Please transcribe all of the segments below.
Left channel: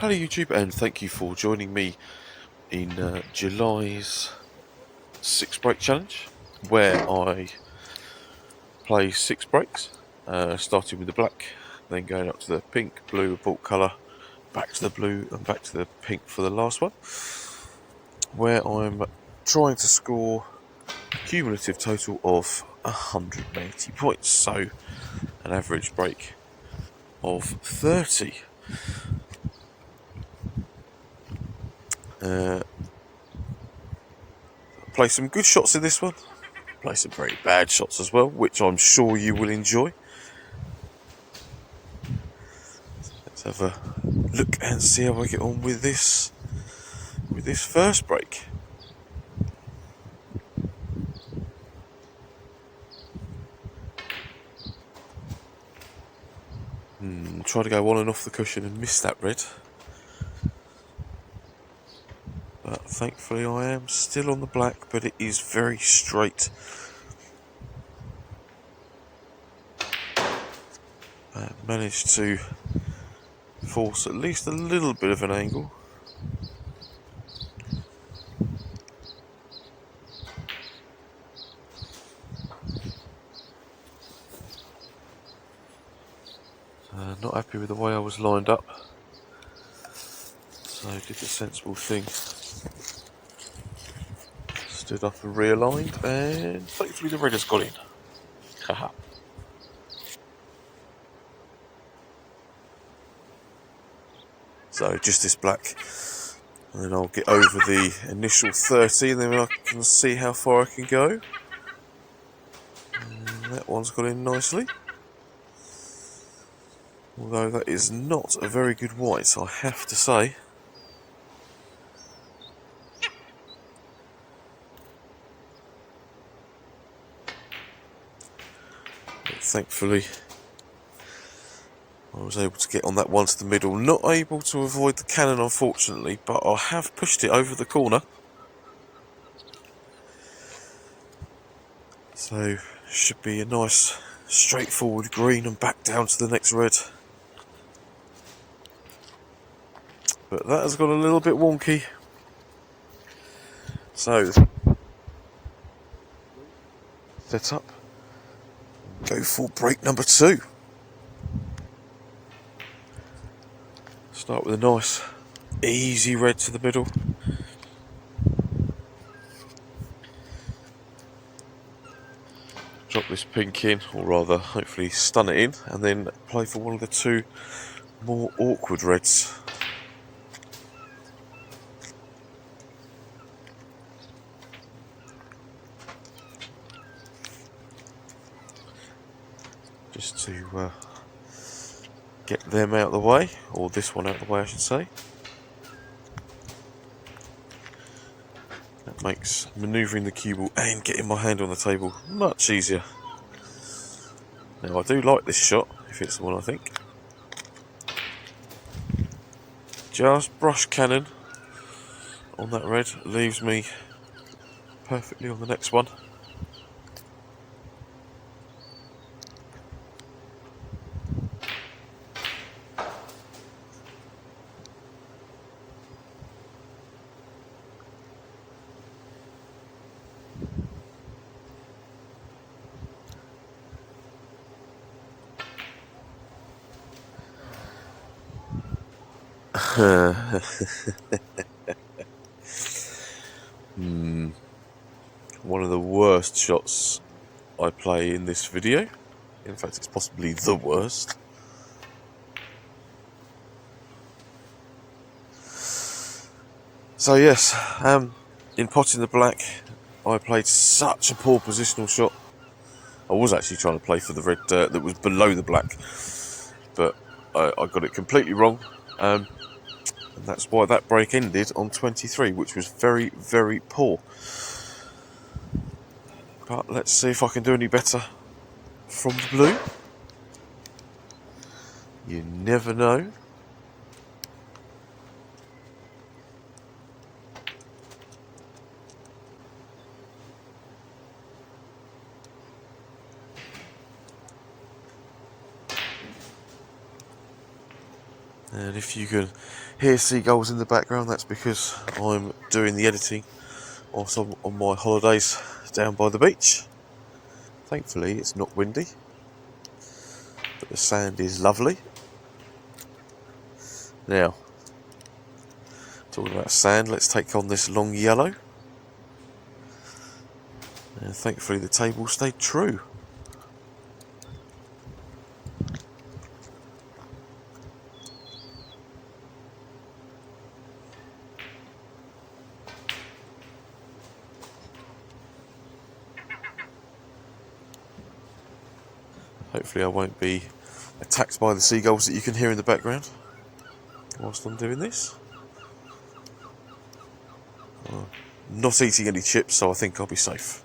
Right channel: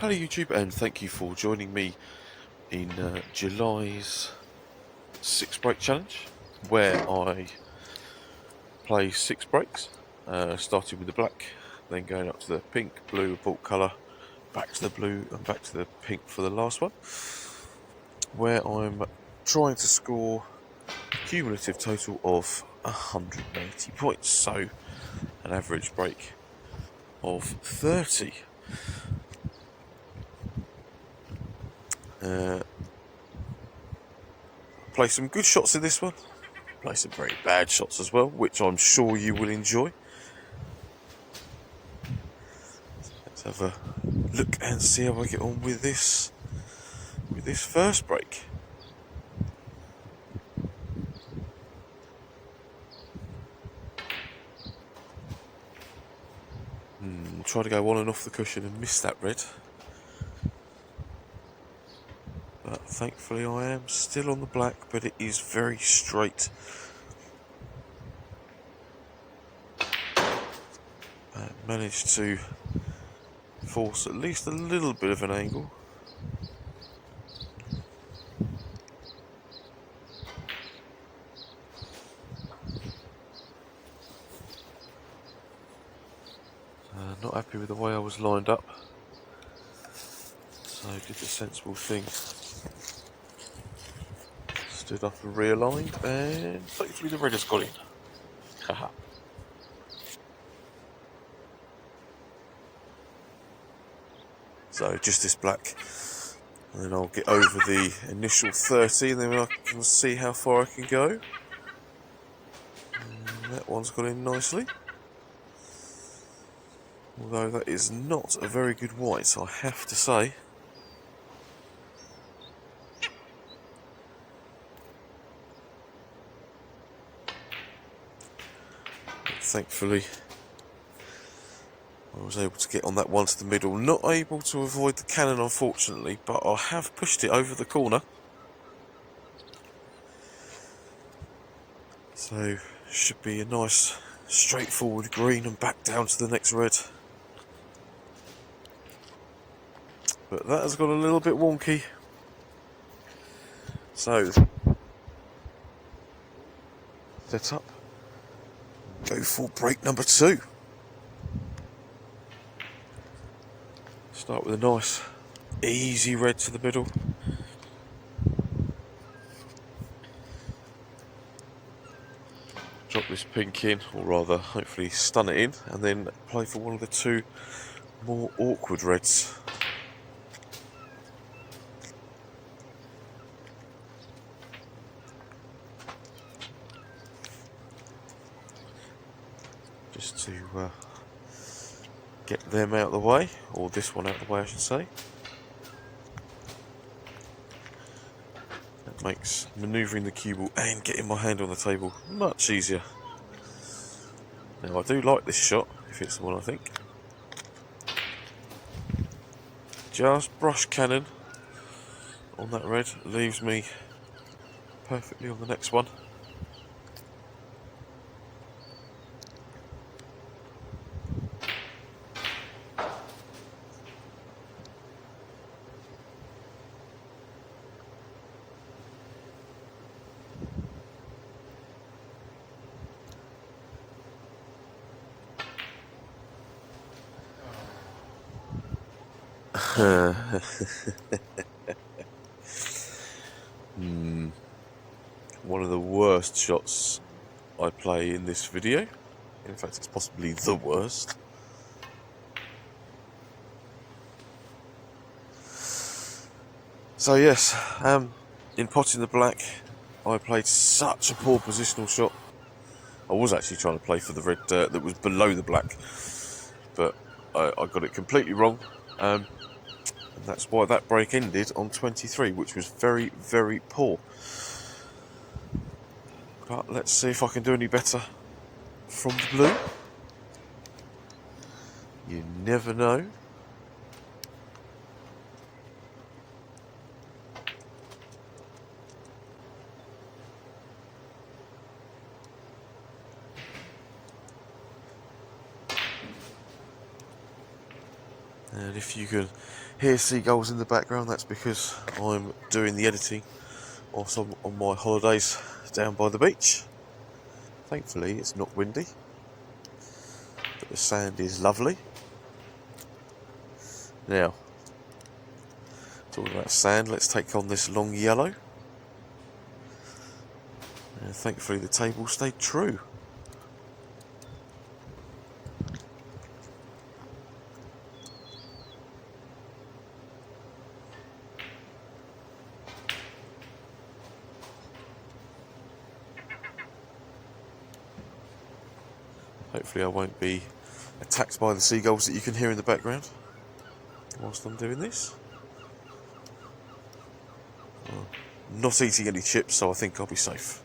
Hello YouTube, and thank you for joining me in July's 6 break challenge, where I play 6 breaks, starting with the black, then going up to the pink, blue, bought colour, back to the blue and back to the pink for the last one, where I'm trying to score a cumulative total of 180 points, so an average break of 30. Play some good shots in this one, play some very bad shots as well, which I'm sure you will enjoy. Let's have a look and see how I get on with this first break. Try to go on and off the cushion and miss that red, but thankfully I am still on the black, but it is very straight. Managed to force at least a little bit of an angle. Not happy with the way I was lined up, so I did the sensible thing. Stood up and realigned, and thankfully the red has got in. Haha. So just this black, and then I'll get over the initial 30, and then I can see how far I can go. And that one's got in nicely. Although that is not a very good white, I have to say. But thankfully, I was able to get on that one to the middle. Not able to avoid the cannon, unfortunately, but I have pushed it over the corner. So, should be a nice, straightforward green and back down to the next red. But that has got a little bit wonky. So, set up. Go for break number 2. Start with a nice, easy red to the middle. Drop this pink in, or rather, hopefully stun it in, and then play for one of the 2 more awkward reds. Just to get them out of the way, or this one out of the way I should say. That makes manoeuvring the cue ball and getting my hand on the table much easier. Now I do like this shot, if it's the one I think. Just brush cannon on that red, leaves me perfectly on the next one. One of the worst shots I play in this video. In fact, it's possibly the worst. So yes, in potting the black, I played such a poor positional shot. I was actually trying to play for the red dirt that was below the black, but I got it completely wrong. And that's why that break ended on 23, which was very, very poor. But let's see if I can do any better from the blue. You never know. And if you can hear seagulls in the background, that's because I'm doing the editing whilst I'm on my holidays down by the beach. Thankfully it's not windy, but the sand is lovely. Now, talking about sand, let's take on this long yellow. And thankfully the table stayed true. Hopefully I won't be attacked by the seagulls that you can hear in the background whilst I'm doing this. I'm not eating any chips, so I think I'll be safe.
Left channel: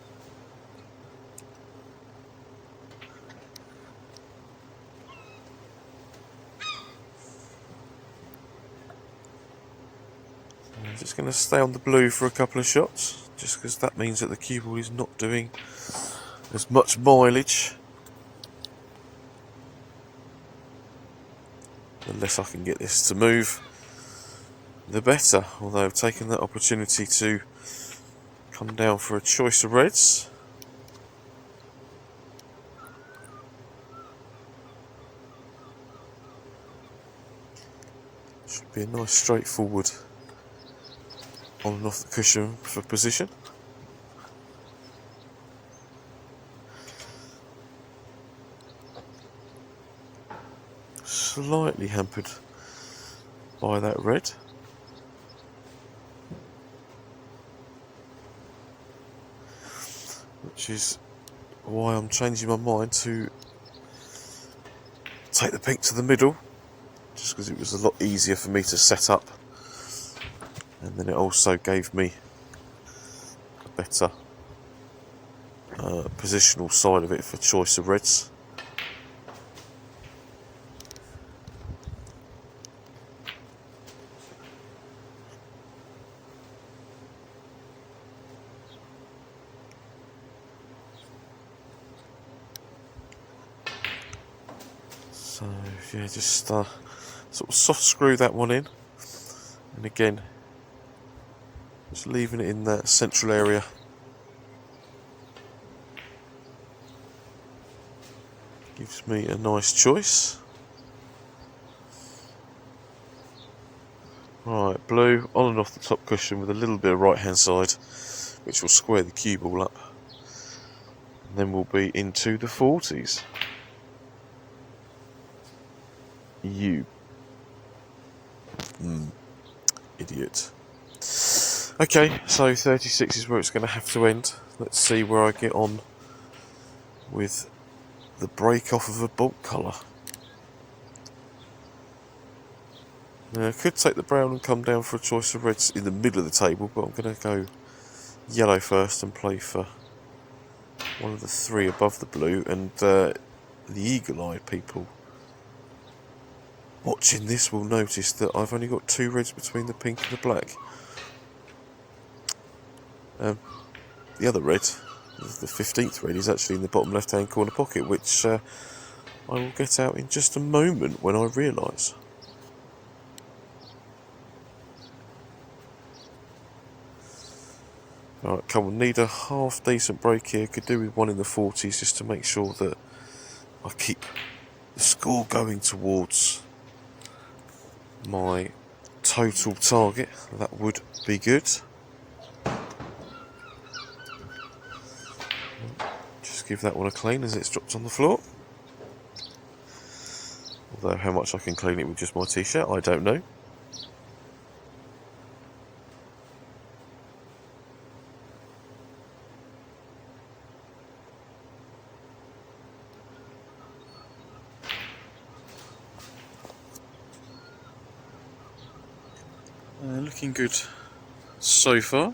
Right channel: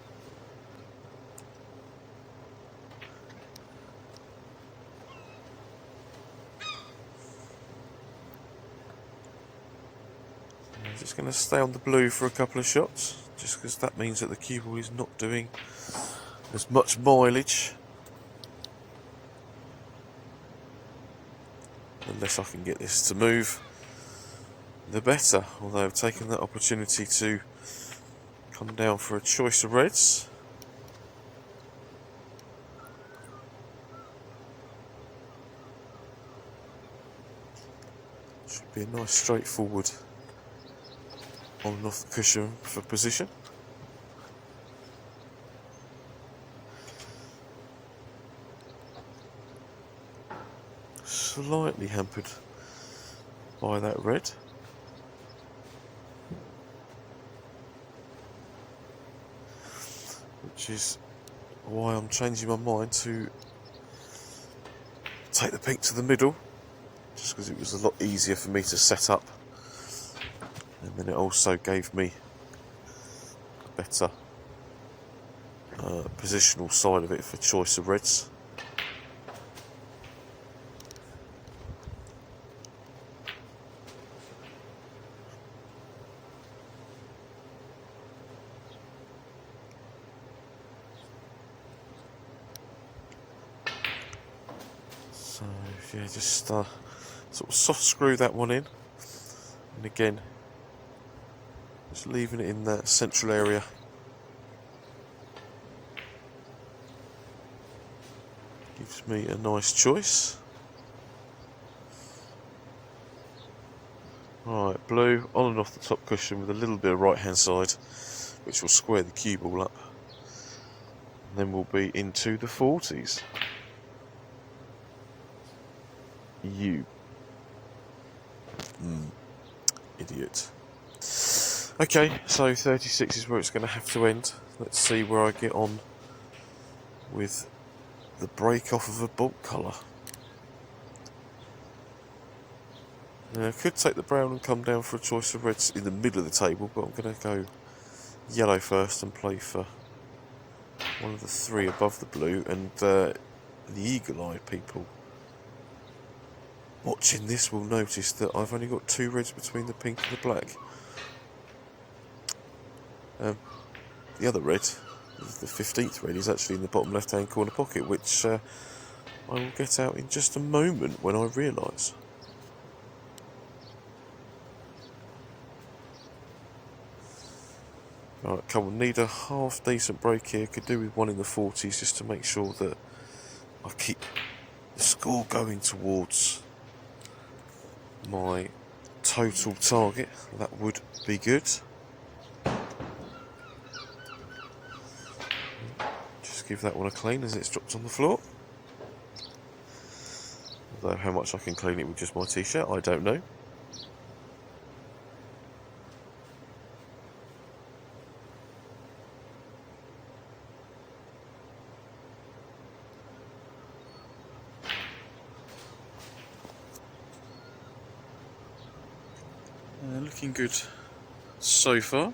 I'm just going to stay on the blue for a couple of shots, just because that means that the cue ball is not doing as much mileage. Unless I can get this to move, the better. Although I've taken that opportunity to come down for a choice of reds. Should be a nice straightforward on and off the cushion for position. Slightly hampered by that red. Which is why I'm changing my mind to take the pink to the middle, just because it was a lot easier for me to set up, and then it also gave me a better positional side of it for choice of reds. So yeah, just sort of soft screw that one in, and again just leaving it in that central area. Gives me a nice choice. Right, blue on and off the top cushion with a little bit of right hand side, which will square the cue ball up, and then we'll be into the 40s. You idiot. Okay, so 36 is where it's going to have to end. Let's see where I get on with the break off of a bulk colour. Now, I could take the brown and come down for a choice of reds in the middle of the table, but I'm going to go yellow first and play for one of the three above the blue. And the eagle-eyed people watching this will notice that I've only got two reds between the pink and the black. The other red, the 15th red, is actually in the bottom left-hand corner pocket, which I will get out in just a moment when I realise. Right, come on, need a half decent break here. Could do with one in the 40s just to make sure that I keep the score going towards my total target. That would be good. Just give that one a clean as it's dropped on the floor. Although how much I can clean it with just my t-shirt, I don't know. Looking good so far.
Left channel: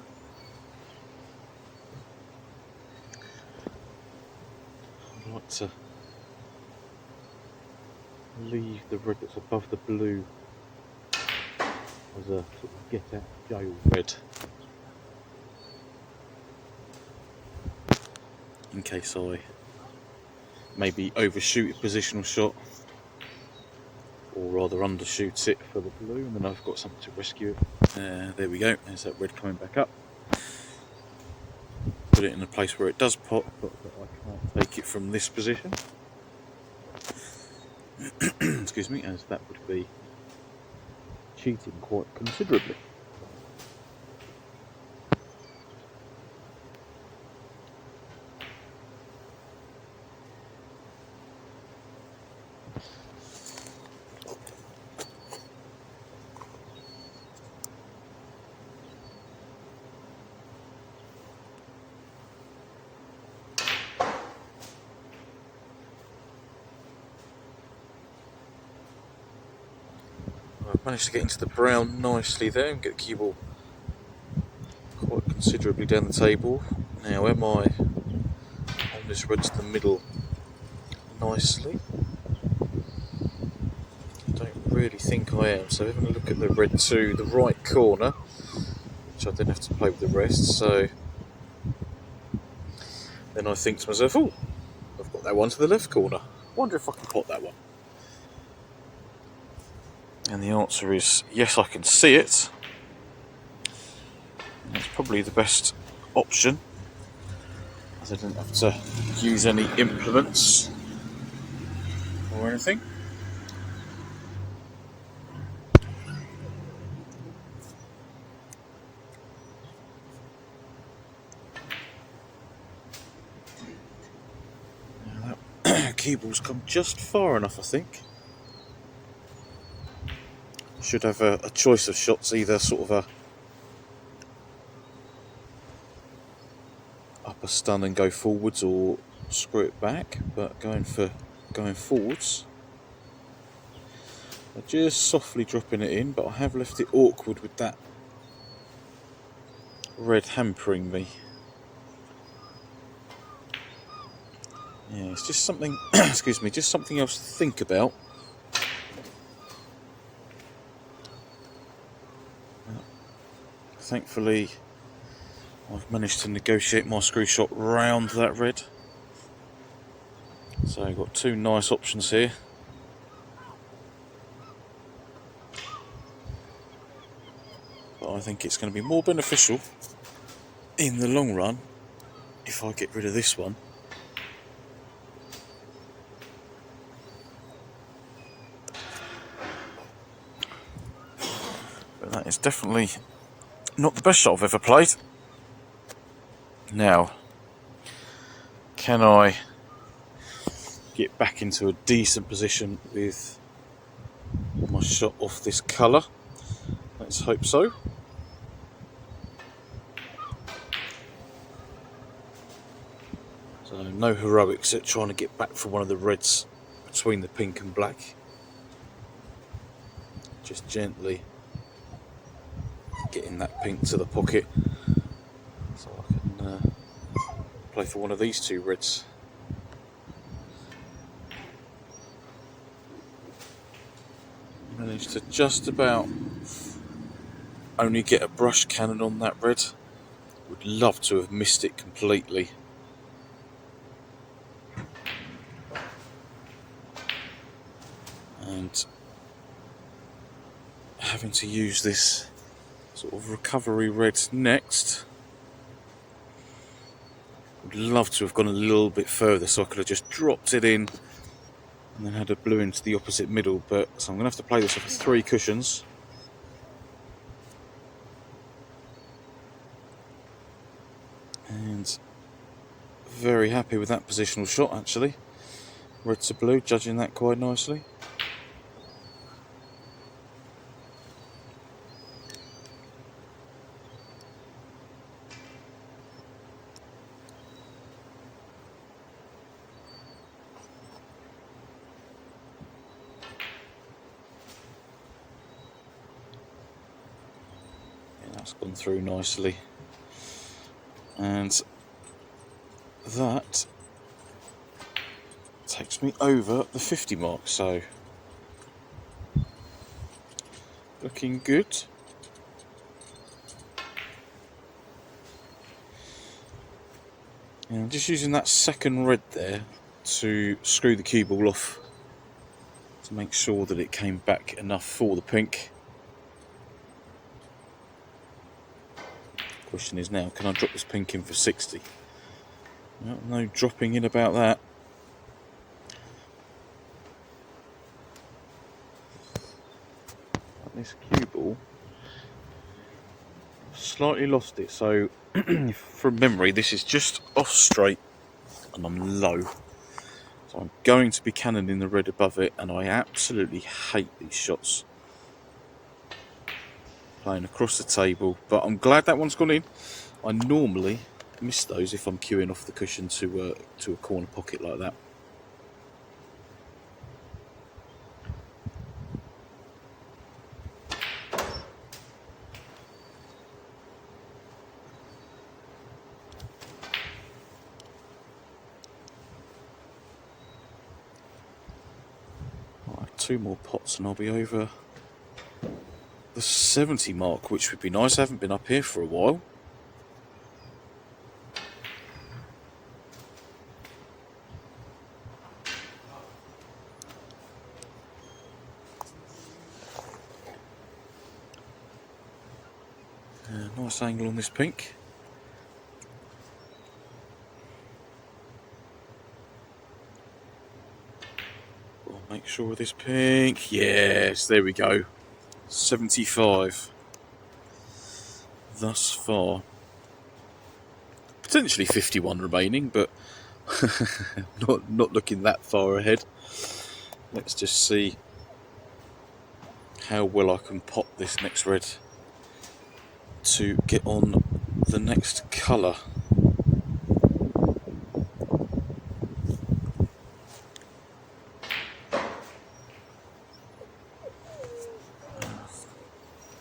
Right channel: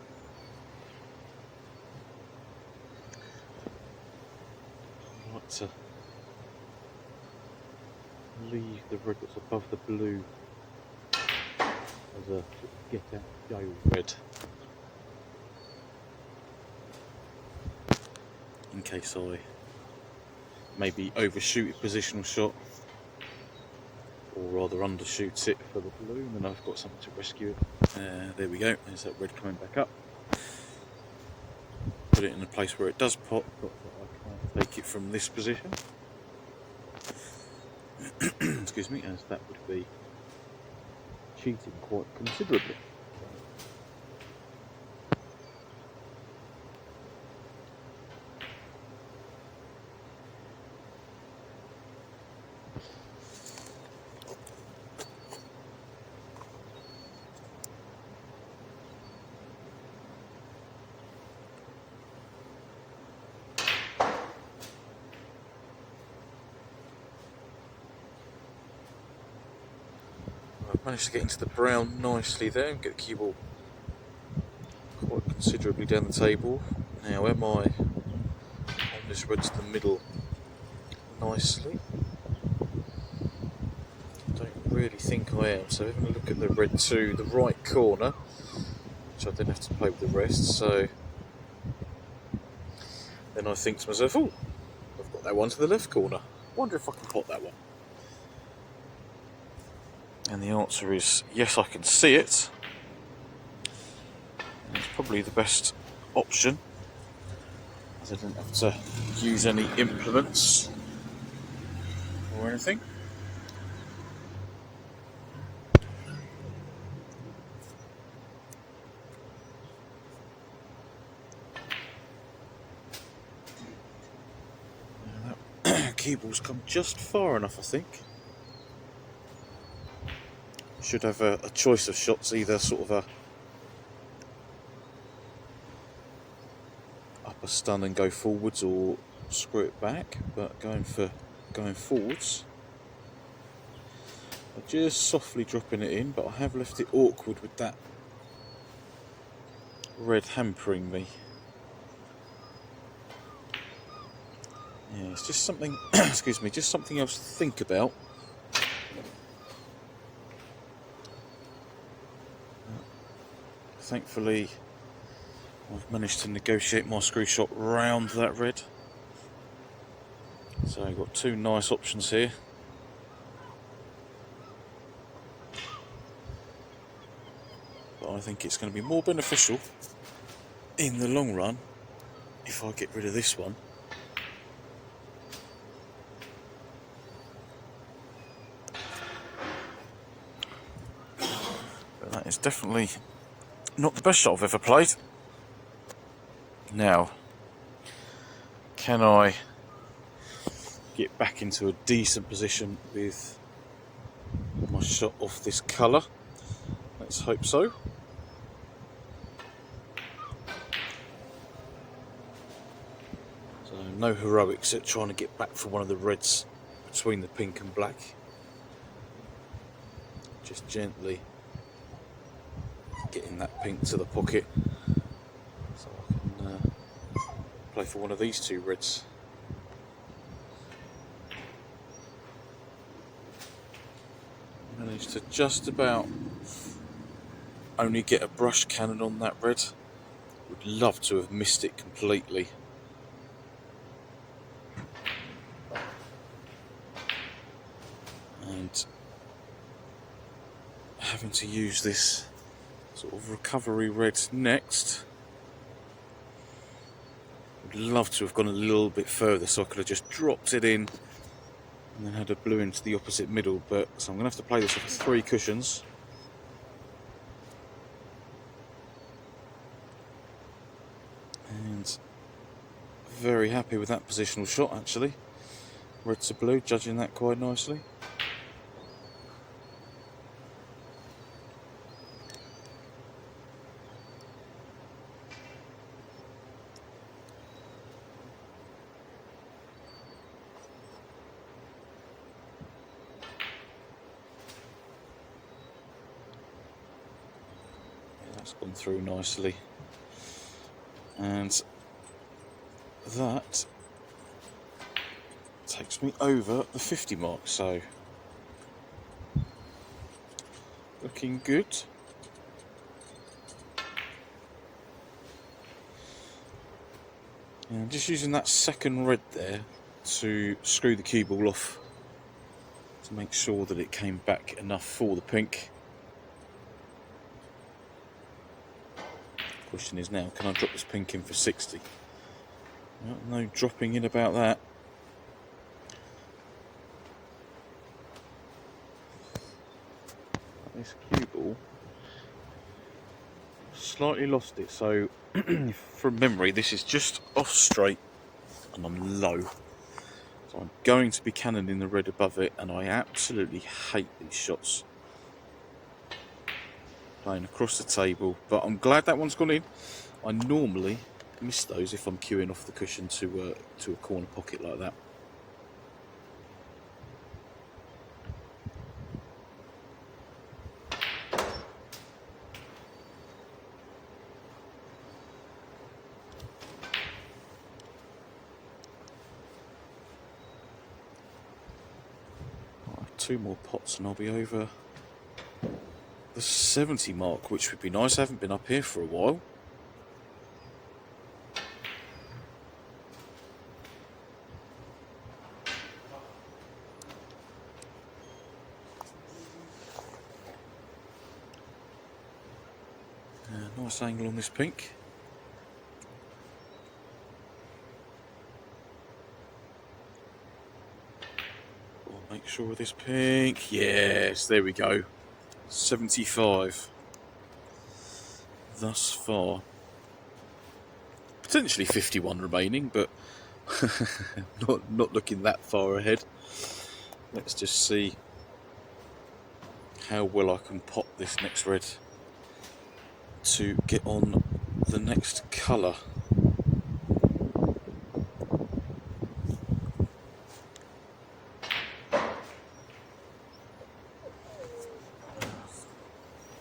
I'd like to leave the red that's above the blue as a get out jail red, in case I maybe overshoot a positional shot or rather undershoots it for the blue, and then I've got something to rescue it. There we go, there's that red coming back up. Put it in a place where it does pop, but I can't take it from this position. Excuse me, as that would be cheating quite considerably. I've managed to get into the brown nicely there and get the cue ball quite considerably down the table. Now, am I on this red to the middle nicely? I don't really think I am. So having a look at the red to the right corner, which I then have to play with the rest. So then I think to myself, oh, I've got that one to the left corner. I wonder if I can pot that one. And the answer is yes, I can see it. And it's probably the best option, as I didn't have to use any implements or anything. Cue ball's come just far enough, I think. Should have a choice of shots, either sort of a upper stun and go forwards, or screw it back. But going forwards, I'm just softly dropping it in. But I have left it awkward with that red hampering me. Yeah, it's just something. Excuse me, just something else to think about. Thankfully, I've managed to negotiate my screw shot round that red. So I've got two nice options here. But I think it's going to be more beneficial in the long run if I get rid of this one. But that is definitely not the best shot I've ever played. Now, can I get back into a decent position with my shot off this colour? Let's hope so. So no heroics at trying to get back for one of the reds between the pink and black. Just gently getting that pink to the pocket so I can play for one of these two reds. Managed to just about only get a brush cannon on that red. Would love to have missed it completely. And having to use this sort of recovery red next. Would love to have gone a little bit further so I could have just dropped it in and then had a blue into the opposite middle, but so I'm going to have to play this off with 3 cushions. And very happy with that positional shot, actually. Red to blue, judging that quite nicely. That's gone through nicely. And that takes me over the 50 mark, so looking good. And just using that second red there to screw the cue ball off to make sure that it came back enough for the pink. Question is now, can I drop this pink in for 60? No dropping in about that. This cue ball, slightly lost it, so from memory this is just off straight and I'm low. So I'm going to be cannoning the red above it, and I absolutely hate these shots. Playing across the table, but I'm glad that one's gone in. I normally miss those if I'm cueing off the cushion to a corner pocket like that. Right, 2 more pots and I'll be over the 70 mark, which would be nice. I haven't been up here for a while. Nice angle on this pink. I'll make sure of this pink. Yes, there we go. 75 thus far. Potentially 51 remaining, but not looking that far ahead. Let's just see how well I can pop this next red to get on the next colour.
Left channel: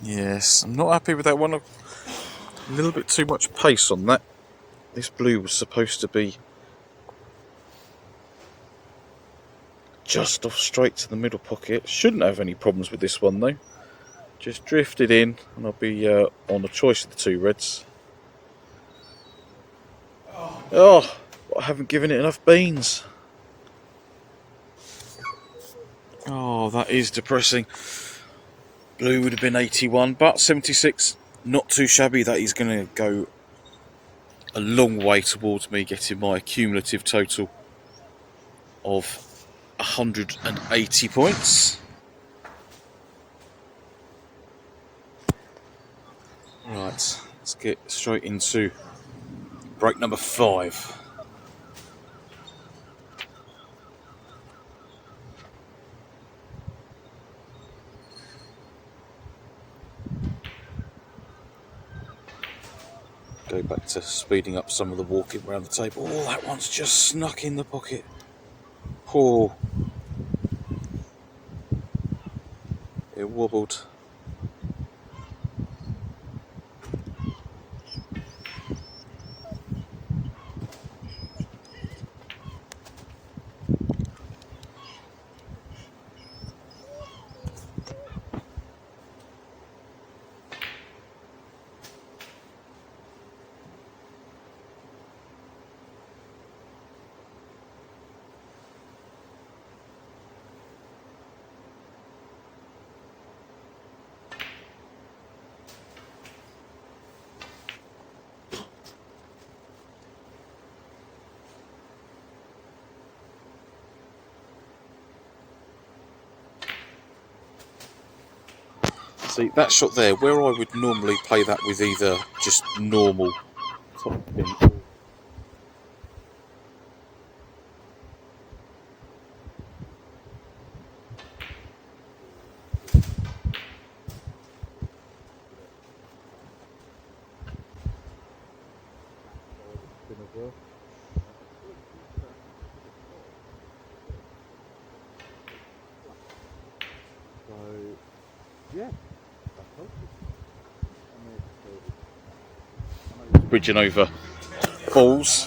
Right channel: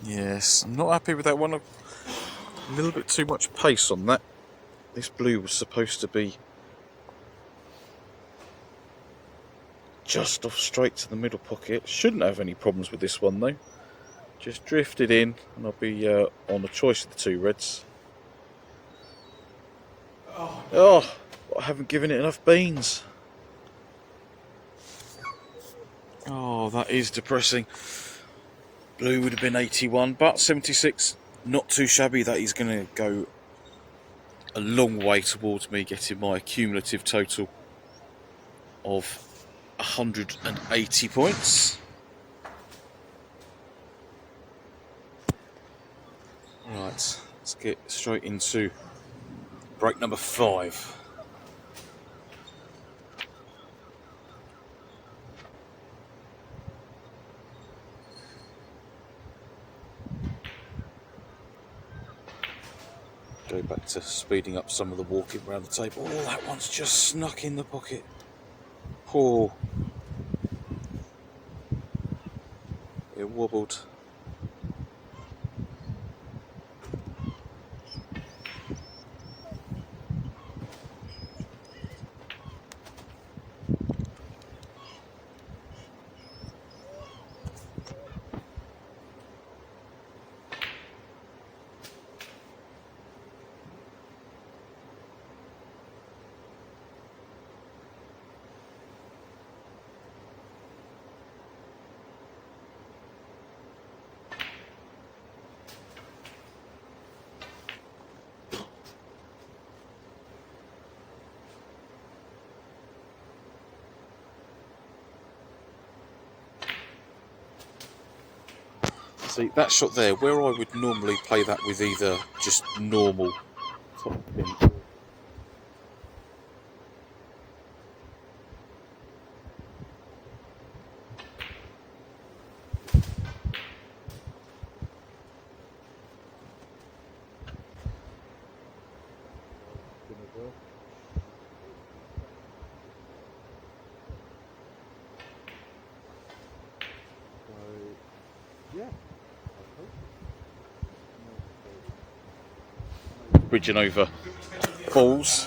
Yes, I'm not happy with that one. A little bit too much pace on that. This blue was supposed to be just off straight to the middle pocket. Shouldn't have any problems with this one though. Just drifted in, and I'll be on a choice of the 2 reds. Oh, I haven't given it enough beans. Oh, that is depressing. Blue would have been 81, but 76, not too shabby. That is going to go a long way towards me getting my cumulative total of 180 points. Right, let's get straight into break number 5. Go back to speeding up some of the walking around the table. Oh, that one's just snuck in the pocket. Oh, it wobbled. See, that shot there, where I would normally play that with either just normal top pin bridging over balls,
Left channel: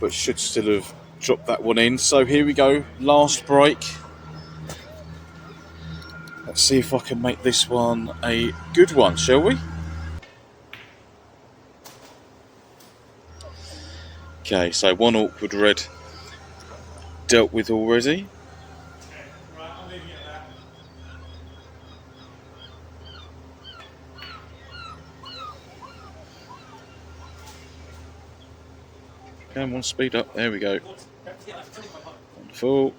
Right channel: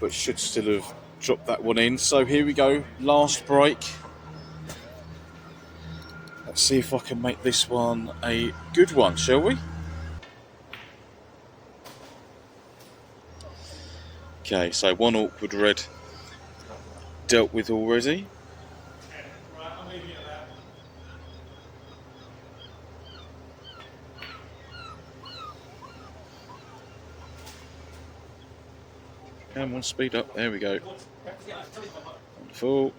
but should still have dropped that one in. So here we go, last break. Let's see if I can make this one a good one, shall we? Okay, so one awkward red dealt with already. Come on, speed up. There we go. Wonderful.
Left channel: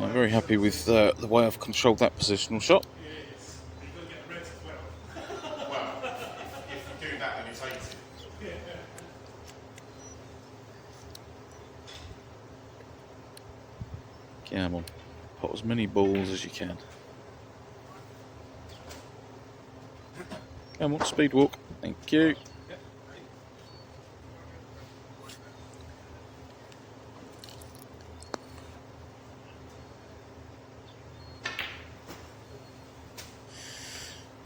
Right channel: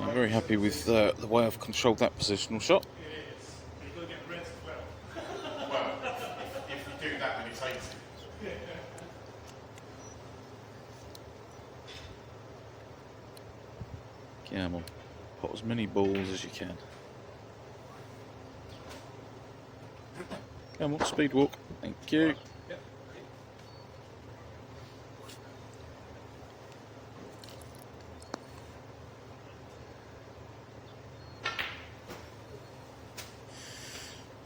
I'm very happy with the way I've controlled that positional shot. Come on, pot as many balls as you can. Come on, speed walk. Thank you.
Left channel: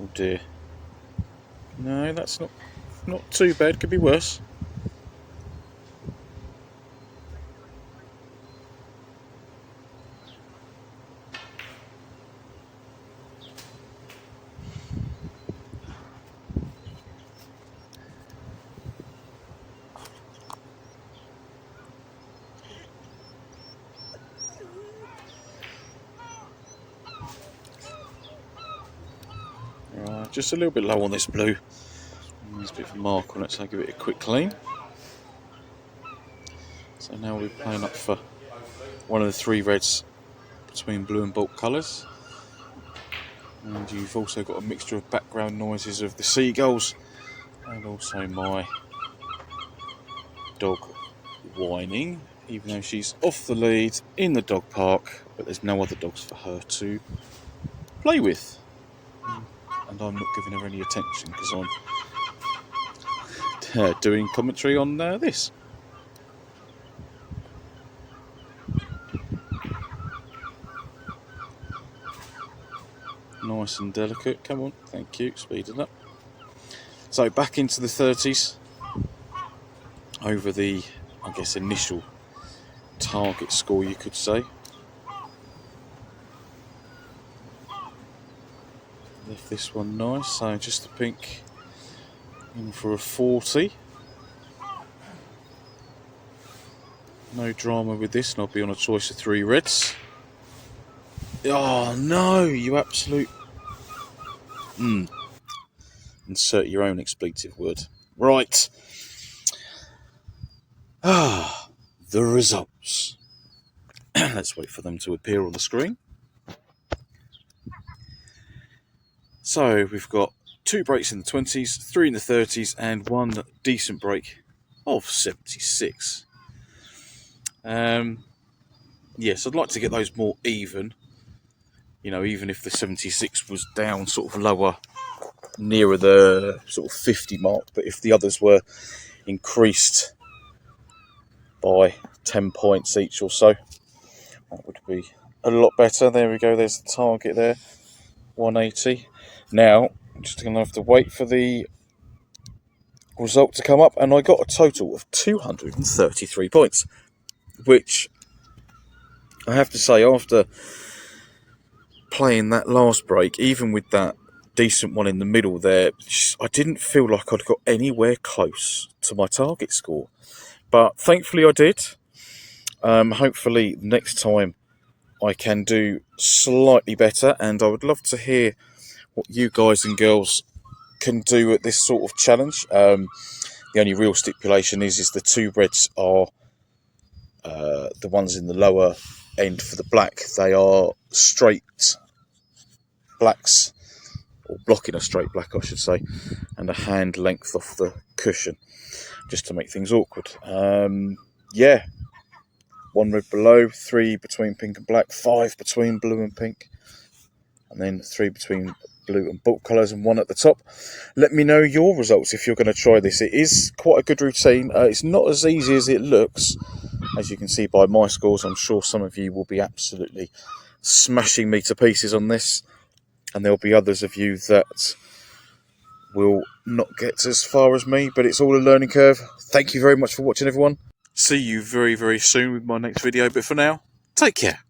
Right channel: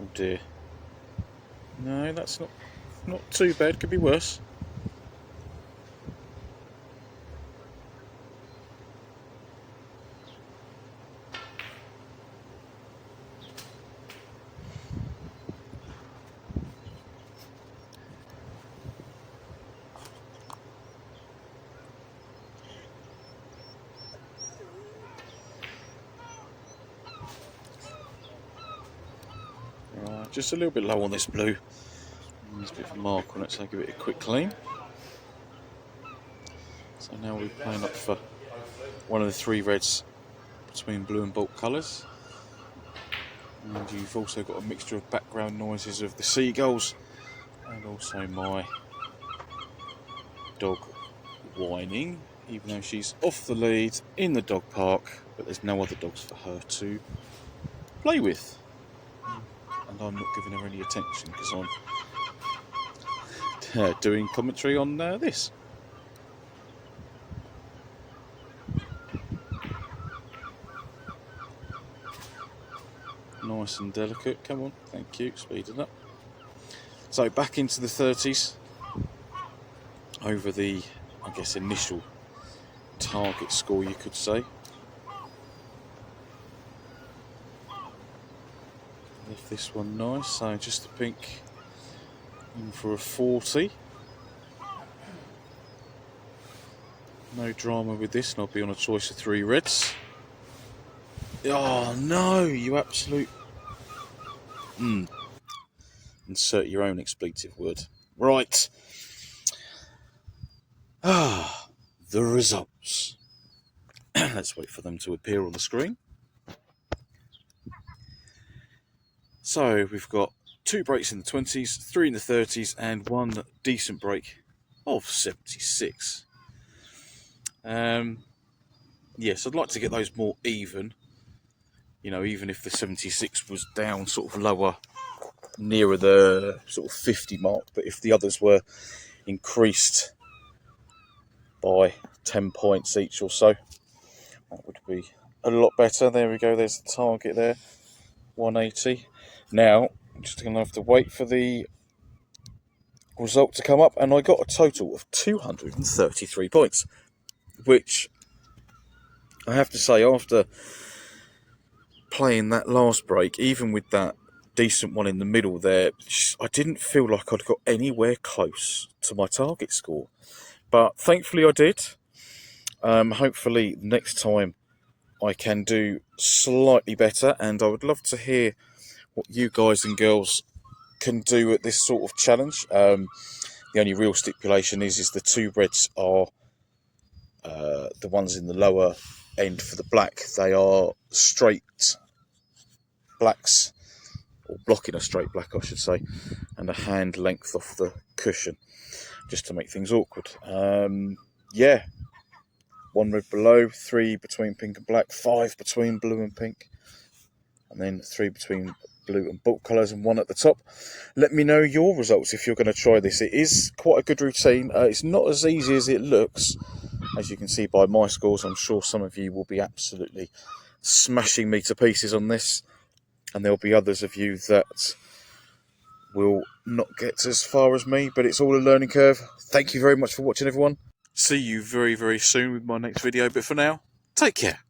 Oh dear. No, that's not too bad. Could be worse. Just a little bit low on this blue. There's a bit of a mark on it, so I'll give it a quick clean. So now we're playing up for one of the three reds between blue and bulk colours. And you've also got a mixture of background noises of the seagulls and also my dog whining, even though she's off the lead in the dog park, but there's no other dogs for her to play with. And I'm not giving her any attention because I'm doing commentary on this. Nice and delicate, come on, thank you, speeding up. So back into the 30s, over the, I guess, initial target score you could say. Left this one nice, so just the pink in for a 40. No drama with this, and I'll be on a choice of three reds. Oh no, you absolute... Insert your own expletive word. Right. The results. Let's wait for them to appear on the screen. So we've got 2 breaks in the 20s, 3 in the 30s, and 1 decent break of 76. Yes, I'd like to get those more even. You know, even if the 76 was down sort of lower, nearer the sort of 50 mark, but if the others were increased by 10 points each or so, that would be a lot better. There we go, there's the target there, 180. Now, I'm just going to have to wait for the result to come up, and I got a total of 233 points, which I have to say, after playing that last break, even with that decent one in the middle there, I didn't feel like I'd got anywhere close to my target score. But thankfully I did. Hopefully next time I can do slightly better, and I would love to hear what you guys and girls can do at this sort of challenge. The only real stipulation is the 2 reds are the ones in the lower end for the black. They are straight blacks, or blocking a straight black I should say, and a hand length off the cushion, just to make things awkward. Yeah, 1 red below, 3 between pink and black, 5 between blue and pink, and then 3 between blue and bulk colours, and 1 at the top. Let me know your results if you're going to try this. It is quite a good routine. It's not as easy as it looks, as you can see by my scores. I'm sure some of you will be absolutely smashing me to pieces on this, and there'll be others of you that will not get as far as me, but it's all a learning curve. Thank you very much for watching, everyone. See you very, very soon with my next video, but for now, take care.